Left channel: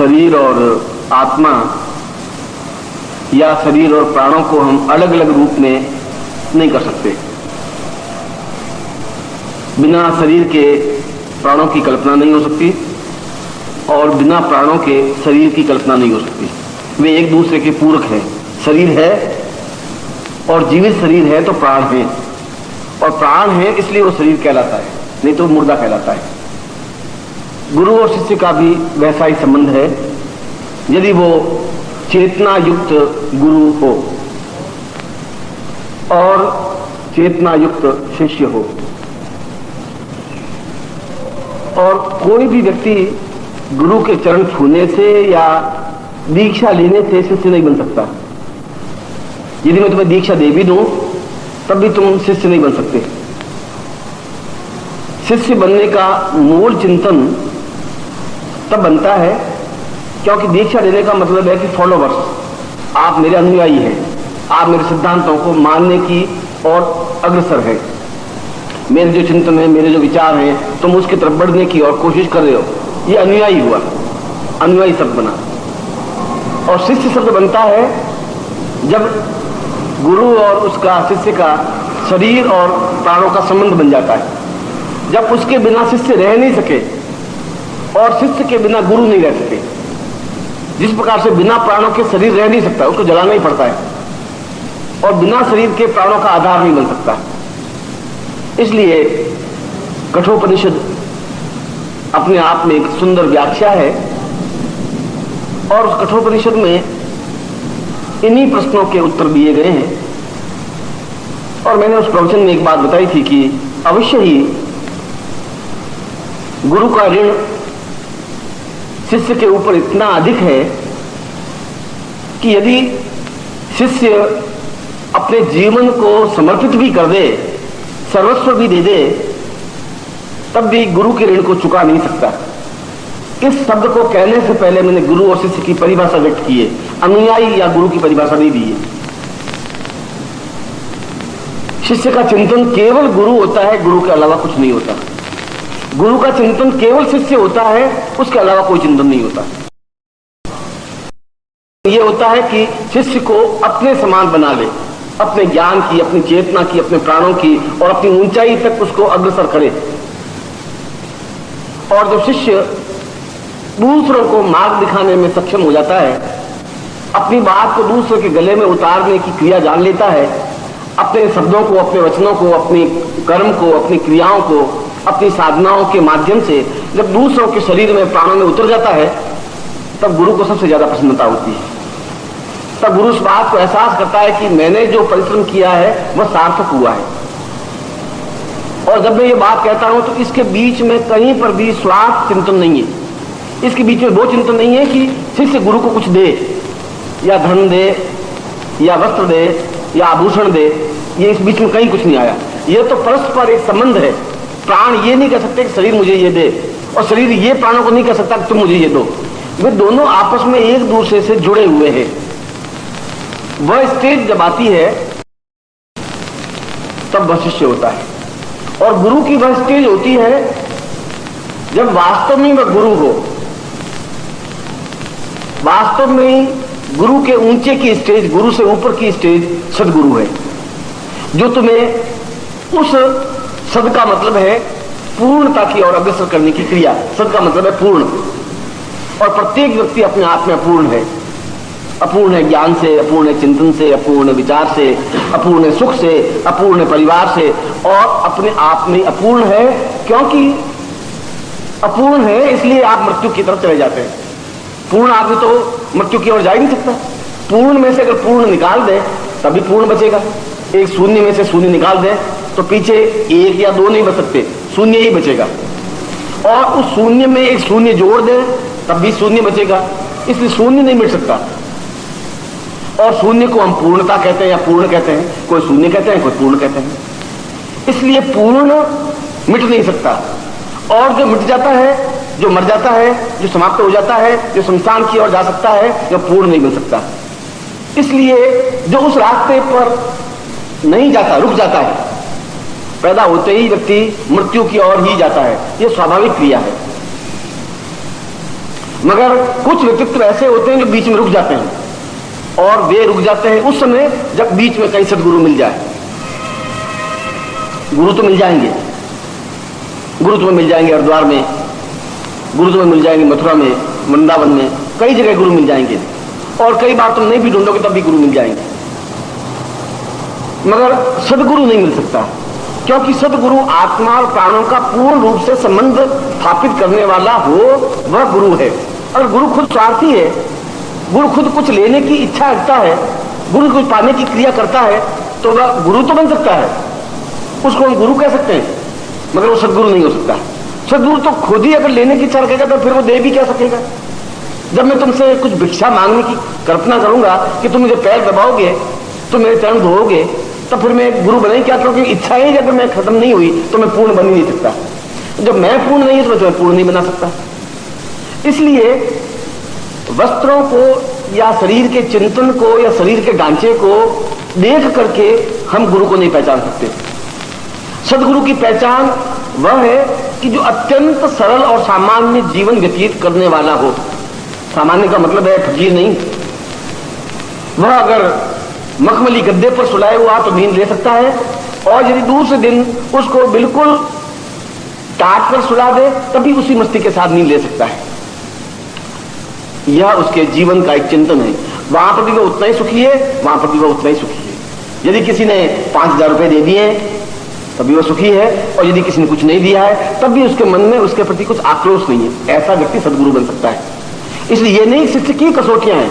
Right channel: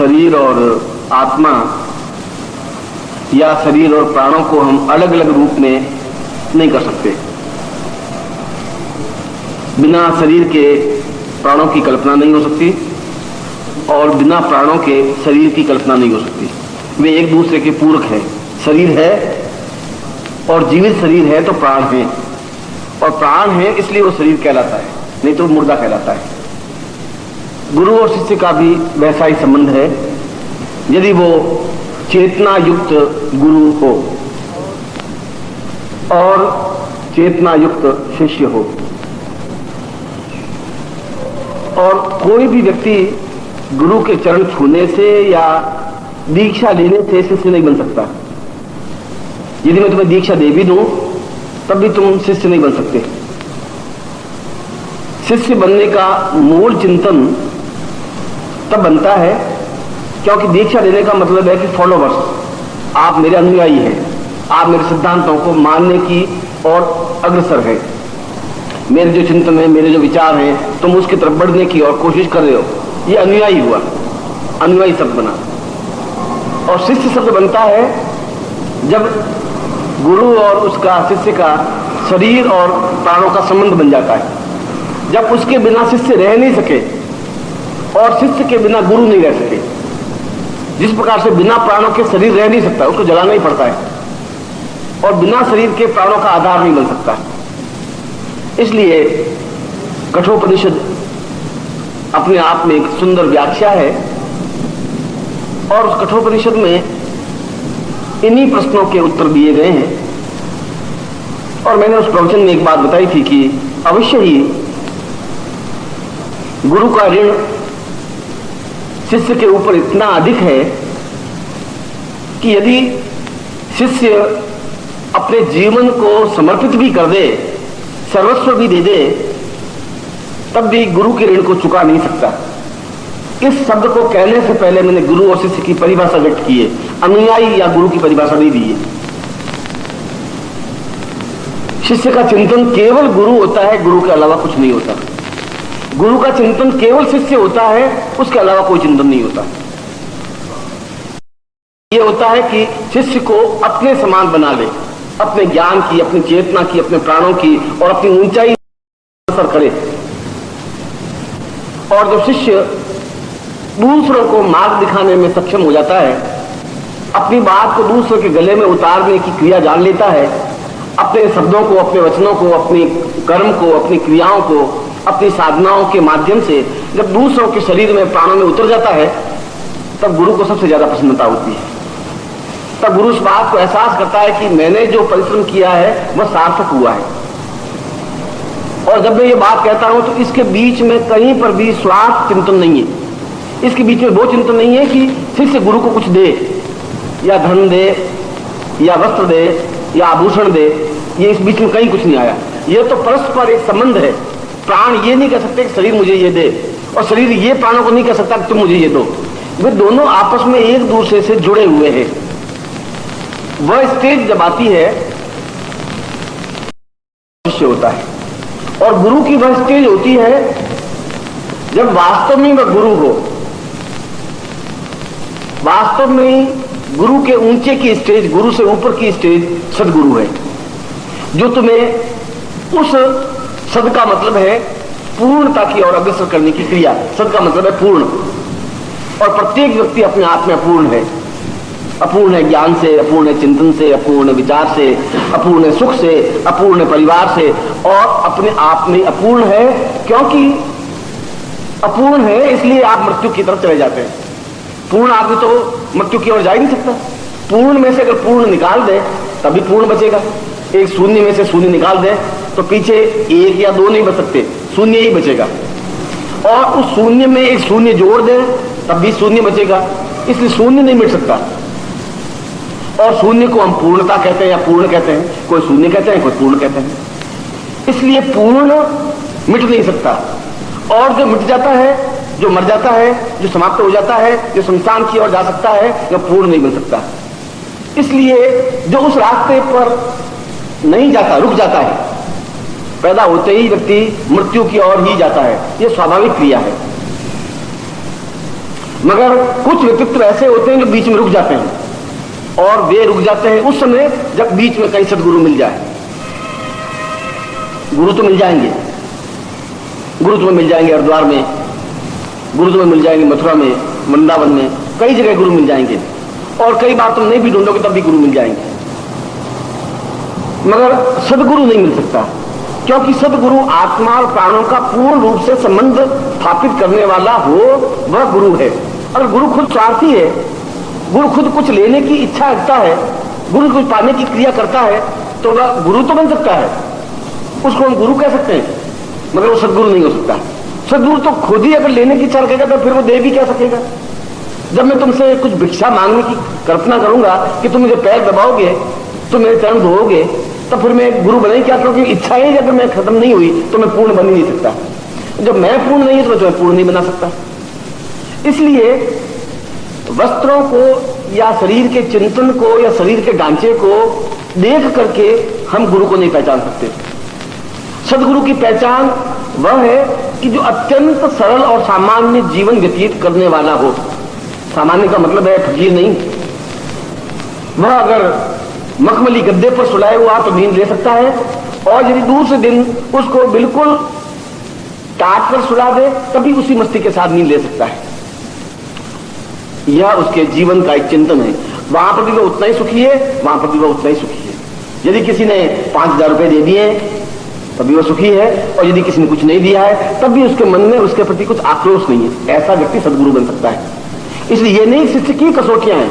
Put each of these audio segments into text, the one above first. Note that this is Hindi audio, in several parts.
शरीर और आत्मा या शरीर और प्राणों को हम अलग अलग रूप में नहीं कर सकते। बिना शरीर के प्राणों की कल्पना नहीं हो सकती और बिना प्राणों के शरीर की कल्पना नहीं हो सकती। वे एक दूसरे के पूरक हैं। शरीर है और जीवित शरीर है तो प्राण है, और प्राण है इसलिए वो शरीर कहलाता है, नहीं तो मुर्दा कहलाता है। गुरु और शिष्य का भी वैसा ही संबंध है। यदि वो चेतना युक्त गुरु हो और चेतना युक्त शिष्य हो, और कोई भी व्यक्ति गुरु के चरण छूने से या दीक्षा लेने से शिष्य नहीं बन सकता। यदि मैं तुम्हें दीक्षा दे भी दूं तब भी तुम शिष्य नहीं बन सकते। शिष्य बनने का मूल चिंतन तब बनता है क्योंकि दीक्षा देने का मतलब है कि फॉलोवर्स, आप मेरे अनुयायी हैं, आप मेरे सिद्धांतों को मानने की और अग्रसर है। मेरे जो चिंतन है, मेरे जो विचार हैं, तुम उसकी तरफ बढ़ने की और कोशिश कर रहे हो। ये अनुयायी हुआ, अनुयायी शब्द बना। और शिष्य शब्द बनता है जब गुरु और उसका शिष्य का शरीर और प्राणों का संबंध बन जाता है। जब उसके बिना शिष्य रह नहीं सके और शिष्य के बिना गुरु नहीं रह सके। जिस प्रकार से बिना प्राणों के शरीर रह नहीं सकता, उसको जलाना ही पड़ता है, और बिना शरीर के प्राणों का आधार नहीं बन सकता। इसलिए कठोपनिषद अपने आप में एक सुंदर व्याख्या है, और उस कठोपनिषद में इन्हीं प्रश्नों के उत्तर दिए गए हैं। और मैंने उस प्रवचन में एक बात बताई थी कि अवश्य ही गुरु का ऋण शिष्य के ऊपर इतना अधिक है कि यदि शिष्य अपने जीवन को समर्पित भी कर दे, सर्वस्व भी दे दे, तब भी गुरु के ऋण को चुका नहीं सकता। इस शब्द को कहने से पहले मैंने गुरु और शिष्य की परिभाषा व्यक्त की है, अनुयायी या गुरु की परिभाषा नहीं दी है। शिष्य का चिंतन केवल गुरु होता है, गुरु के अलावा कुछ नहीं होता। गुरु का चिंतन केवल शिष्य होता है, उसके अलावा कोई चिंतन नहीं होता। यह होता है कि शिष्य को अपने समान बना ले, अपने ज्ञान की, अपनी चेतना की, अपने प्राणों की और अपनी ऊंचाई तक उसको अग्रसर करे। और जब शिष्य दूसरों को मार्ग दिखाने में सक्षम हो जाता है, अपनी बात को दूसरे के गले में उतारने की क्रिया जान लेता है, अपने शब्दों को, अपने वचनों को, अपनी कर्म को, अपनी क्रियाओं को, अपनी साधनाओं के माध्यम से जब दूसरों के शरीर में, प्राणों में उतर जाता है, तब गुरु को सबसे ज्यादा प्रसन्नता होती है। तब गुरु उस बात को एहसास करता है कि मैंने जो परिश्रम किया है वह सार्थक हुआ है। और जब मैं ये बात कहता हूं तो इसके बीच में कहीं पर भी स्वार्थ चिंतन नहीं है। इसके बीच में वो चिंतन नहीं है कि शिष्य गुरु को कुछ दे, या धन दे, या वस्त्र दे, या आभूषण दे। ये इस बीच में कहीं कुछ नहीं आया। ये तो परस्पर एक संबंध है। प्राण ये नहीं कर सकते कि शरीर मुझे ये दे, और शरीर ये प्राणों को नहीं कर सकता कि तुम मुझे ये दो। वे दोनों आपस में एक दूसरे से जुड़े हुए हैं। वह स्टेज जब आती है तब वह शिष्य होता है, और गुरु की वह स्टेज होती है जब वास्तव में वह गुरु हो। वास्तव में गुरु के ऊंचे की स्टेज, गुरु से ऊपर की स्टेज सदगुरु है, जो तुम्हें उस सद का मतलब है पूर्णता की ओर अग्रसर करने की क्रिया। सद का मतलब है पूर्ण, और प्रत्येक व्यक्ति अपने आप में अपूर्ण है। अपूर्ण है ज्ञान से, अपूर्ण है चिंतन से, अपूर्ण है विचार से, अपूर्ण है सुख से, अपूर्ण है परिवार से, और अपने आप में अपूर्ण है। क्योंकि अपूर्ण है इसलिए आप मृत्यु की तरफ चले जाते हैं। पूर्ण आदमी तो मृत्यु की ओर जा ही नहीं सकता। पूर्ण में से अगर पूर्ण निकाल दे तभी पूर्ण बचेगा। एक शून्य में से शून्य निकाल दे तो पीछे एक या दो नहीं बच सकते, शून्य ही बचेगा। और उस शून्य में एक शून्य जोड़ दे तब भी शून्य बचेगा। इसलिए शून्य नहीं मिट सकता। और शून्य को हम पूर्णता कहते हैं या पूर्ण कहते हैं, कोई शून्य कहते हैं, कोई पूर्ण कहते हैं। इसलिए पूर्ण मिट नहीं सकता, और जो मिट जाता है, जो मर जाता है, जो समाप्त हो जाता है, जो शमशान की ओर जा सकता है, वह पूर्ण नहीं बन सकता। इसलिए जो उस रास्ते पर नहीं जाता, रुक जाता है, पैदा होते ही व्यक्ति मृत्यु की ओर ही जाता है। यह स्वाभाविक क्रिया है। मगर कुछ व्यक्तित्व ऐसे होते हैं कि बीच में रुक जाते हैं, और वे रुक जाते हैं उस समय जब बीच में कहीं सदगुरु मिल जाए। गुरु तो मिल जाएंगे, गुरु तुम्हें मिल जाएंगे हरिद्वार में, गुरु तुम्हें मिल जाएंगे मथुरा में, वृंदावन में, कई जगह गुरु मिल जाएंगे, और कई बार तुम नहीं भी ढूंढोगे तब भी गुरु मिल जाएंगे, मगर सदगुरु नहीं मिल सकता। क्योंकि सदगुरु आत्मा और प्राणों का पूर्ण रूप से संबंध स्थापित करने वाला हो, वह गुरु है। और गुरु खुद स्वार्थी है, गुरु खुद कुछ लेने की इच्छा रखता है, गुरु कुछ पाने की क्रिया करता है, तो वह गुरु तो बन सकता है, उसको हम गुरु कह सकते हैं, मगर वो सदगुरु नहीं हो सकता। सदगुरु तो खुद ही अगर लेने की इच्छा रखेगा तो फिर वो दे भी क्या सकेगा। जब मैं तुमसे कुछ भिक्षा मांगने की कल्पना करूंगा कि तुम मुझे पैर दबाओगे, तुम मेरे चरण धोओगे, तो फिर मैं गुरु बने क्या? क्योंकि इच्छा ही जब मैं खत्म नहीं हुई तो मैं पूर्ण बन ही नहीं सकता। जब मैं पूर्ण नहीं हूं तो मैं पूर्ण नहीं बना सकता। इसलिए वस्त्रों को या शरीर के चिंतन को या शरीर के ढांचे को देख करके हम गुरु को नहीं पहचान सकते। सदगुरु की पहचान वह है कि जो अत्यंत सरल और सामान्य जीवन व्यतीत करने वाला हो। सामान्य का मतलब है फकीर नहीं। वह अगर मखमली गद्दे पर सुलाए हुआ तो नींद ले सकता है, और यदि दूसरे दिन उसको बिल्कुल टाट कर सुला दे तभी उसी मस्ती के साथ नींद ले सकता है। यह उसके जीवन का एक चिंतन है। वहां पर भी वो उतना ही सुखी है, वहां पर भी वो उतना ही सुखी है। यदि किसी ने 5,000 रुपए दे दिए तभी वो सुखी है, और यदि किसी ने कुछ नहीं दिया है तब भी उसके मन में उसके प्रति कुछ आक्रोश नहीं है। ऐसा व्यक्ति सदगुरु बन सकता है। इसलिए ये नहीं शिष्य की कसौटियां हैं।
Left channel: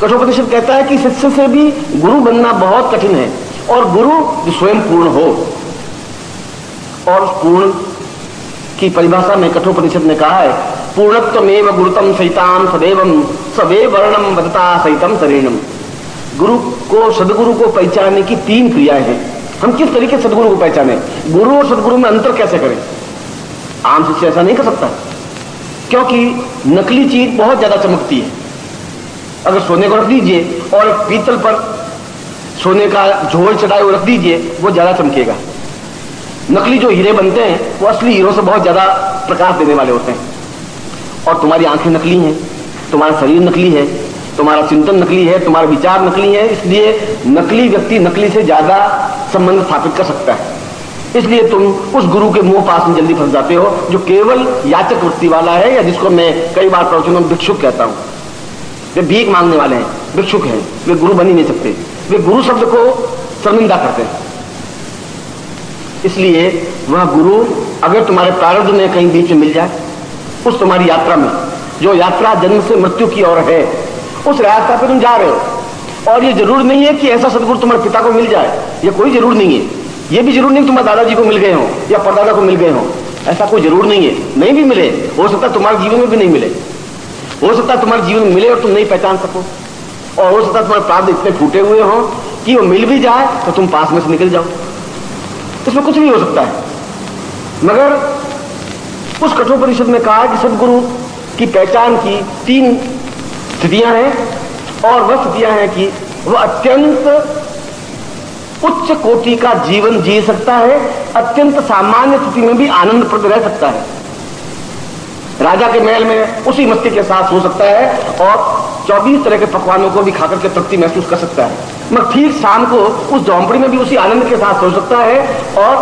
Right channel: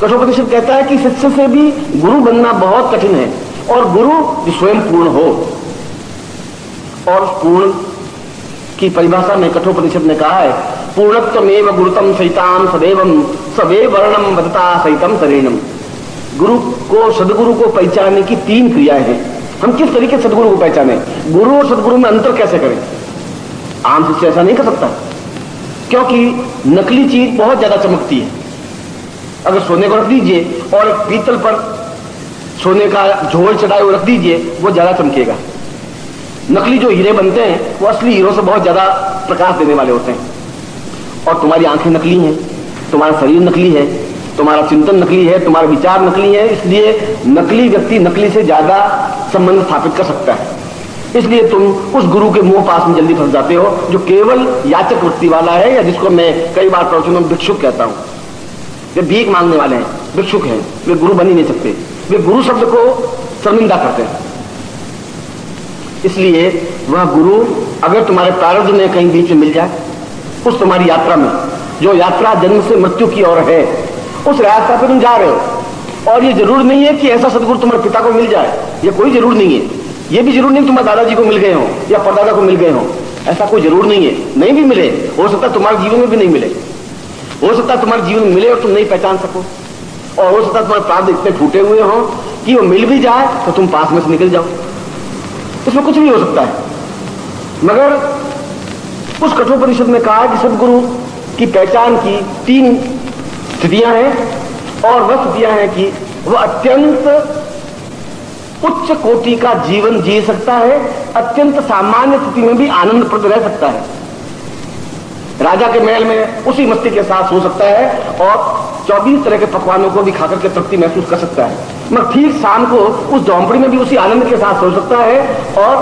कठोपनिषद कहता है कि शिष्य से भी गुरु बनना बहुत कठिन है, और गुरु जो स्वयं पूर्ण हो। और पूर्ण की परिभाषा में कठोपनिषद ने कहा है, पूर्णत्वमेव गुरुतम सहिताम सदैवम सवे वर्णम वदता सहितम शरीरम। गुरु को, सदगुरु को पहचानने की 3 क्रियाएं हैं। हम किस तरीके से सदगुरु को पहचाने? गुरु और सदगुरु में अंतर कैसे करें? आम शिष्य ऐसा नहीं कर सकता, क्योंकि नकली चीज बहुत ज्यादा चमकती है। अगर सोने को रख दीजिए और पीतल पर सोने का झोल चढ़ाए हुए रख दीजिए, वो ज्यादा चमकेगा। नकली जो हीरे बनते हैं वो असली हीरो से बहुत ज्यादा प्रकाश देने वाले होते हैं। और तुम्हारी आंखें नकली हैं, तुम्हारा शरीर नकली है, तुम्हारा चिंतन नकली है, तुम्हारे विचार नकली है। इसलिए नकली व्यक्ति नकली से ज्यादा संबंध स्थापित कर सकता है। इसलिए तुम उस गुरु के मुंह पास में जल्दी फंस जाते हो जो केवल याचक वृत्ति वाला है, या जिसको मैं कई बार प्रवचन में भिक्षुक कहता हूं। वे भीख मांगने वाले हैं, भिक्षुक हैं, वे गुरु बन ही नहीं सकते। वे गुरु शब्द को शर्मिंदा करते हैं। इसलिए वह गुरु अगर तुम्हारे प्रारब्ध में कहीं बीच में मिल जाए, उस तुम्हारी यात्रा में, जो यात्रा जन्म से मृत्यु की ओर है, उस रास्ता पर तुम जा रहे हो, और ये जरूर नहीं है कि ऐसा सदगुरु तुम्हारे पिता को मिल जाए, ये कोई जरूर नहीं है। ये भी जरूर नहीं तुम्हारे दादाजी को मिल गए हो या परदादा को मिल गए हो, ऐसा कोई जरूर नहीं है। नहीं भी मिले, हो सकता तुम्हारे जीवन में भी नहीं मिले, हो सकता तुम्हारे जीवन में मिले और तुम नहीं पहचान सको, और हो सकता तुम्हारे प्राप्त इतने फूटे हुए हो कि वो मिल भी जाए तो तुम पास में से निकल जाओ। इसमें कुछ भी हो सकता है। मगर उस कठोपनिषद ने कहा कि सदगुरु की पहचान की 3 स्थितियां हैं, और वह स्थितियां हैं कि वह अत्यंत उच्च कोटि का जीवन जी सकता है, अत्यंत सामान्य स्थिति में भी आनंदप्रद रह सकता है। राजा के महल में उसी मस्ती के साथ सो सकता है, और 24 तरह के पकवानों को भी खाकर के तृप्ति महसूस कर सकता है। मगर ठीक शाम को उस झोंपड़ी में भी उसी आनंद के साथ सो सकता है, और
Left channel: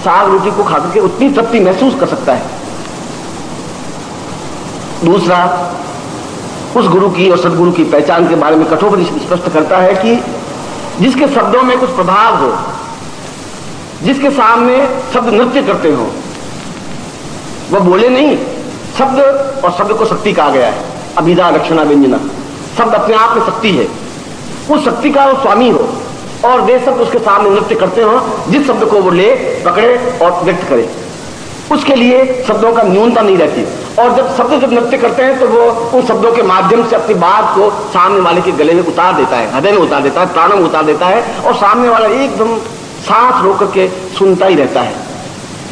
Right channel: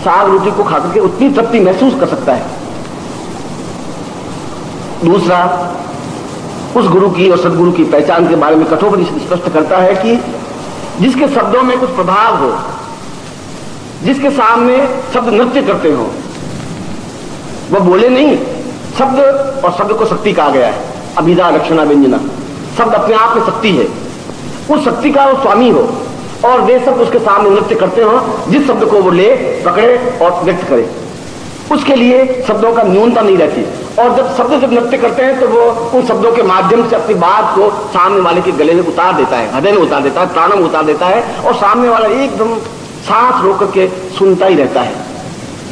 साग रोटी को खाकर के उतनी तृप्ति महसूस कर सकता है। दूसरा, उस गुरु की और सदगुरु की पहचान के बारे में कठोपनिषद स्पष्ट करता है कि जिसके शब्दों में कुछ प्रभाव हो, जिसके सामने शब्द नृत्य करते हो, वह बोले नहीं। शब्द और शब्द को शक्ति कहा गया है, अभिधा रक्षणा व्यंजना। शब्द अपने आप में शक्ति है, उस शक्ति का वो स्वामी हो, और वे शब्द उसके सामने नृत्य करते हो। जिस शब्द को वो ले, पकड़े और व्यक्त करे, उसके लिए शब्दों का न्यूनता नहीं रहती। और जब नृत्य करते हैं तो वो उन शब्दों के माध्यम से अपनी बात को सामने वाले के गले में उतार देता है, हृदय में उतार देता है, प्राणों में उतार देता है, और सामने वाला एकदम सांस रोक करके सुनता ही रहता है।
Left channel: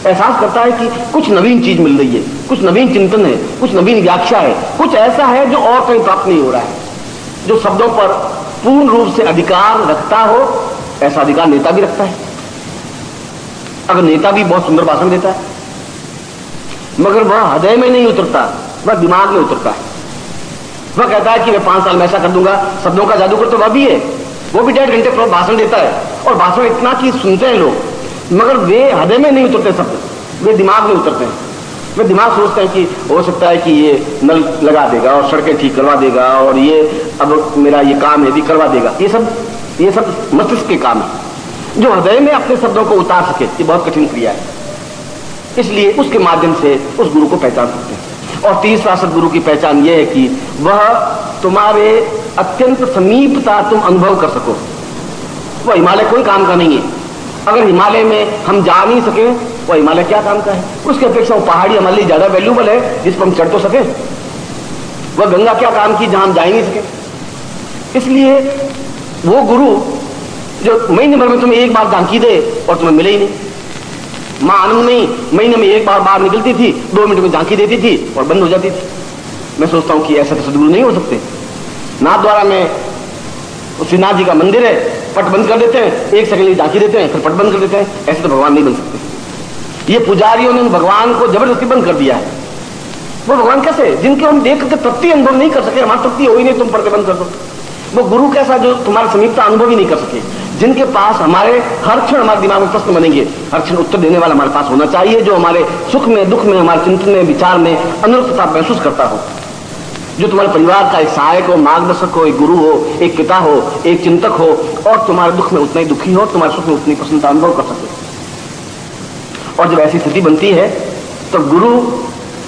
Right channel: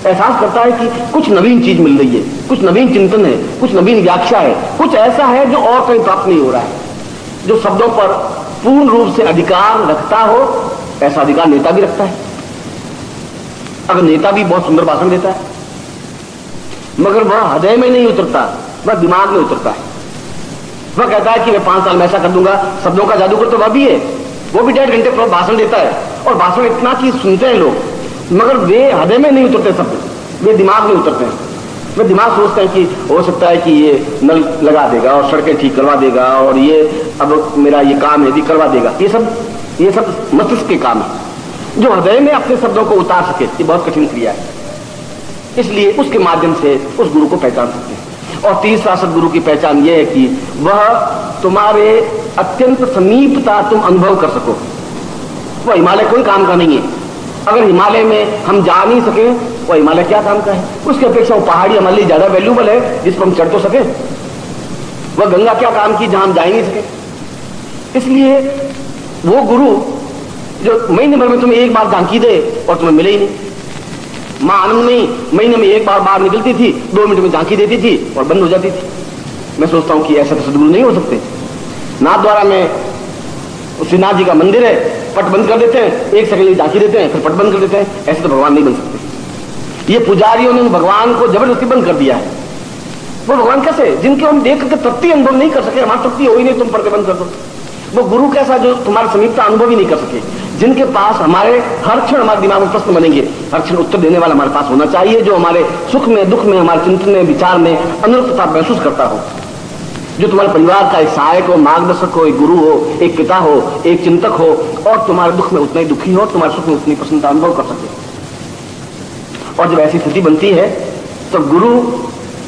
एहसास करता है कि कुछ नवीन चीज मिल रही है, कुछ नवीन चिंतन है, कुछ नवीन व्याख्या है, कुछ ऐसा है जो और कहीं प्राप्त नहीं हो रहा है। जो शब्दों पर पूर्ण रूप से अधिकार रखता हो, ऐसा अधिकार नेता भी रखता है। अगर नेता भी बहुत सुंदर भाषण देता है, मगर वह हृदय में नहीं उतरता, वह दिमाग में उतरता, वह कहता है कि मैं 5 साल में ऐसा कर दूंगा। शब्दों का जादूगर तो वह भी है, वो भी 1.5 घंटे भाषण देता है, और भाषण इतना कि सुनते हैं लोग, मगर वे हृदय में नहीं उतरते शब्द, वे दिमाग में उतरते हैं। वे दिमाग सोचते हैं कि हो सकता है कि ये नल लगा देगा और सड़कें ठीक करवा देगा, और ये अब मेरा ये काम है भी करवा देगा। ये सब मस्तिष्क के काम है। जो हृदय में अपने शब्दों को उतार सके, ये बहुत कठिन क्रिया है। इसलिए उसके माध्यम से उस गुरु को पहचान सकते हैं। और तीसरा सदगुरु की पहचान यह है कि वह तुम्हारे अत्यंत समीपता तुम अनुभव कर सको। वह हिमालय कोई काम का नहीं है। अगर हिमालय में हम जा नहीं सके, वह हिमालय क्या काम का है? उसके अपेक्षा वो पहाड़ी हमारे लिए ज्यादा वैल्यूबल है, जिस पर हम चढ़ तो सके। वह गंगा क्या काम की जहां हम जा ही नहीं सके। इसलिए वो गुरु जो महीने भर में तुम्हें एक बार झांकी दे और तुम्हें मिले ही नहीं। मां आनंदमयी महीने में एक बार बाहर निकलती थी, 2 मिनट में झांकी देती थी और बंद हो जाती थी। मैं सोचता हूं कि ऐसा सदगुरु नहीं हो सकते। नाथद्वारा में श्रीनाथ जी का मंदिर है, पट बंद कर देते हैं, 1 सेकंड झांकी देते हैं, फिर पट बंद कर देते हैं। ऐसे तो भगवान नहीं बन सकते। ये पुजारियों ने भगवान को जबरदस्ती बंद कर दिया है। वो भगवान कैसे, जिनके हम देख के तृप्ति अनुभव नहीं कर सके। हमारी तृप्ति हो ही नहीं, तुम पर्दे बंद कर दो। वो गुरु कैसा, जो तुम्हारे समीपता अनुभव ही नहीं कर सके, जिनके पास हमारे हर क्षण हमारे दिमाग में प्रश्न बनेंगे, हर क्षण उत्तर देने वाला हमारे पास होना चाहिए, जो हमारे सुख में दुख में हमारे चिंतन में विचार में अनुरूपता महसूस करता हो, जो तुम्हारे परिवार का एक सहायक हो, मार्गदर्शक हो, एक गुरु हो, एक पिता हो, एक चिंतक हो, और तुम्हारे दुख में उतना ही दुखी हो, तुम्हारे सुख में उतनी प्रसन्नता अनुभव कर सके। और जब ऐसी स्थिति बनती है तो गुरु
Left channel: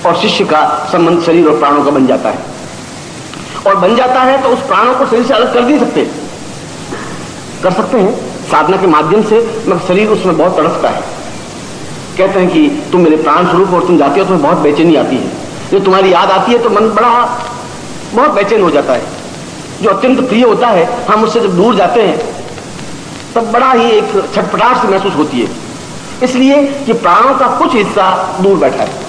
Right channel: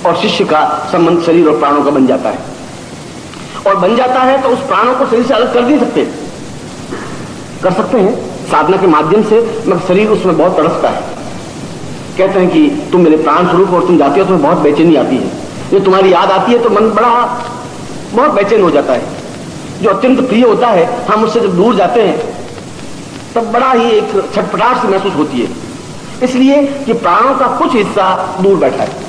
और शिष्य का संबंध शरीर और प्राणों का बन जाता है, और बन जाता है तो उस प्राणों को शरीर से अलग कर नहीं सकते। कर सकते हैं साधना के माध्यम से, मगर शरीर उसमें बहुत तड़पता है। कहते हैं कि तुम मेरे प्राण स्वरूप, और तुम जाते हो तो बहुत बेचैनी आती है। जो तुम्हारी याद आती है तो मन बहुत बेचैन हो जाता है। जो अत्यंत प्रिय होता है, हम उससे जब दूर जाते हैं तब बड़ा ही एक छटपटाहट सी महसूस होती है। इसलिए कि प्राणों का कुछ हिस्सा दूर बैठा है।